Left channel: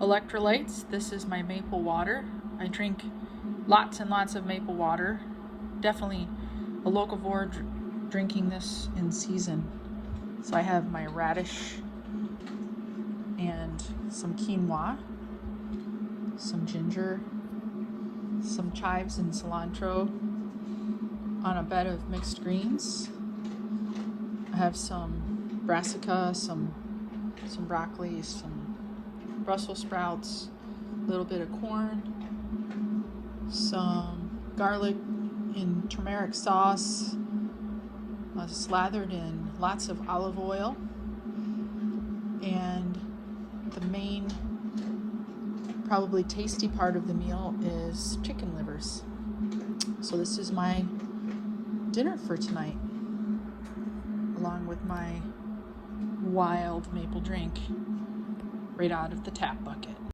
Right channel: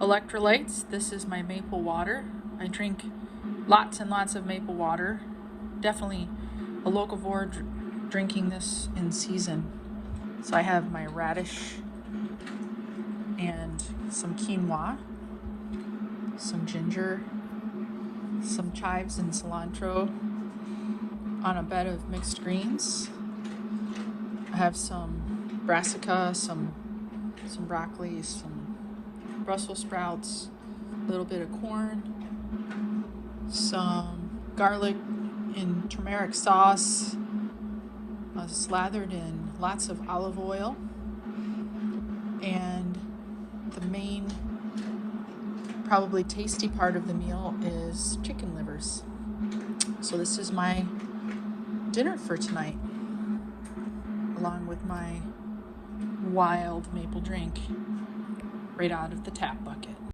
electrolytes. This is my maple water. I drink lots and lots of maple water. Definitely a locovore drinking this in season. So I have my radish and some quinoa, some ginger, some chives and cilantro on a bed of mixed greens. I have some brassica, some broccoli, some Brussels sprouts, a little bit of corn, some garlic in turmeric sauce, slathered in lots of olive oil, and the main, probably tasty part of the meal is chicken livers. So this is my dinner for tonight, along with my wild maple drink right out of the tap bucket.